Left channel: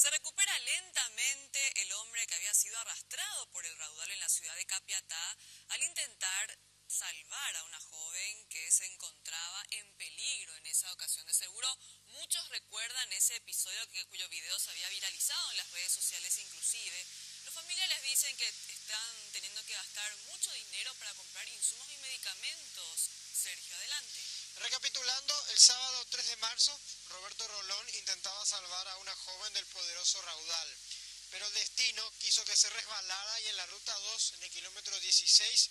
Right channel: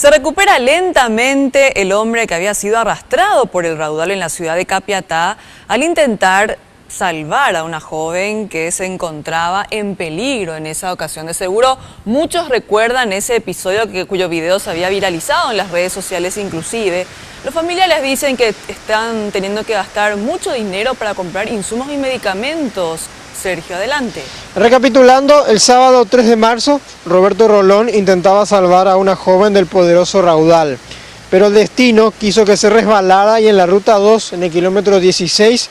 Se recupera lentamente el hombre que había sido arrastrado por el raudal en la ciudad de Capiatá al intentar salvar a una joven que se encontraba en peligro en esa ocasión. De seguro muchos recuerdan ese episodio cuyo video se había viralizado en las redes sociales inclusive. Los familiares dicen que están teniendo que gastar mucho dinero para comprar insumos y medicamentos. Sergio, adelante. Recapitulando, el sábado 3 de marzo, Roberto Rolón intentaba salvar a una joven del poderoso raudal, pero el destino quiso que se resbalara y en la ruta 2, en el kilómetro 16,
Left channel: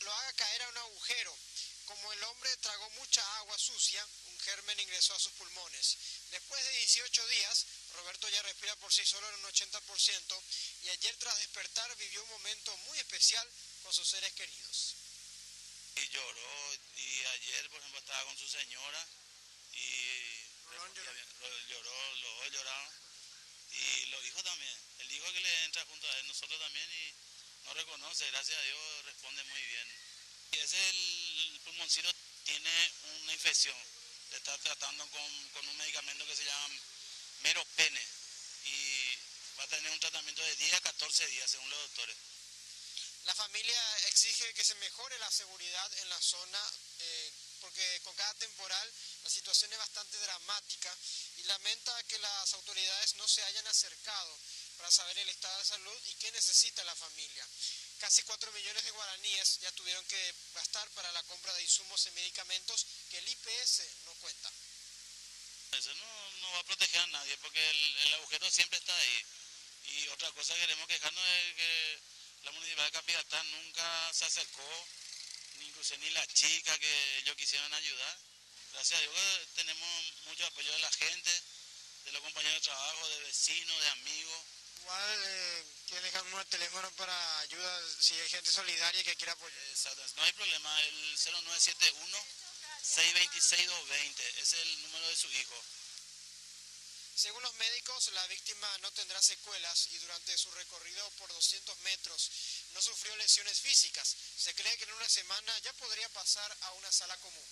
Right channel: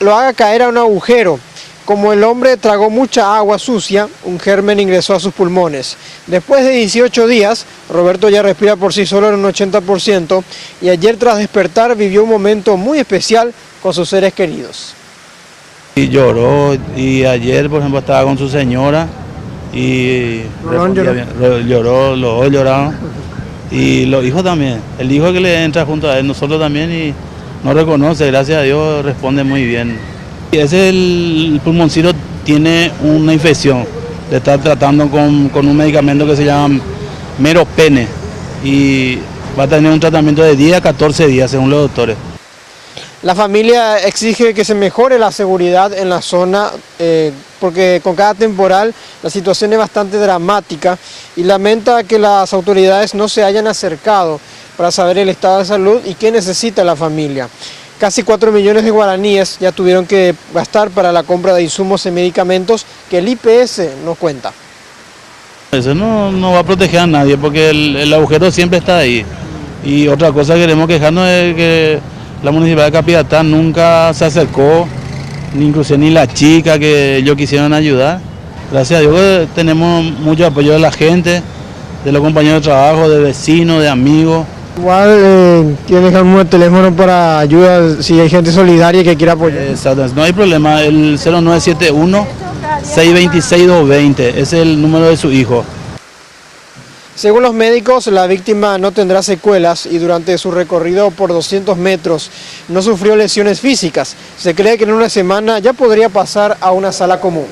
lo haga caer a un agujero. Como el hombre tragó mucha agua sucia, un germen ingresó a sus pulmones. Después de 18 días, Roberto ya respira por sí solo en un 80% y ayer tras despertar vivió un momento muy especial con sus seres queridos. Y lloró, y ayer por ejemplo estaba con su señora y lloró, los dos lloraron y los hijos también, el hijo que le entra junto a él, nosotros también, y no reconoce, gracias a Dios responde muy bien. Y ese el pulmoncito tiene una infección, le está tratando con un medicamento que se llama Meropene y va a tener un tratamiento de 10 a 14 días según los doctores. La familia exige que se mejore la seguridad en la zona porque con cada temporal la situación es bastante dramática y lamenta que las autoridades no se hayan acercado para saber el estado de salud y qué necesita la familia. Casi 4 millones de guaraníes ya tuvieron que gastar para la compra de insumos y medicamentos que el IPS nos cuenta. Eso no va a proteger a nadie porque el agujero siempre está ahí. Y otra cosa que queremos quejarnos es que la Municipalidad de Capiatá nunca se acercó, inclusive ni la chica que ellos quisieron ayudar. Gracias a Dios tenemos mucho apoyo de la gente, de los compañeros de trabajo, de vecinos, de amigos. Igual quiero dejar un teléfono para ayuda si hay gente solidaria que quiera apoyar. Exacto, no hay problema, el 0971-626-220, ese es el número de su hijo. Según los médicos, la víctima no tendrá secuelas y durante su recorrido por 200 metros no sufrió lesiones físicas. Se cree que en una semana ya podría pasar a una sala común.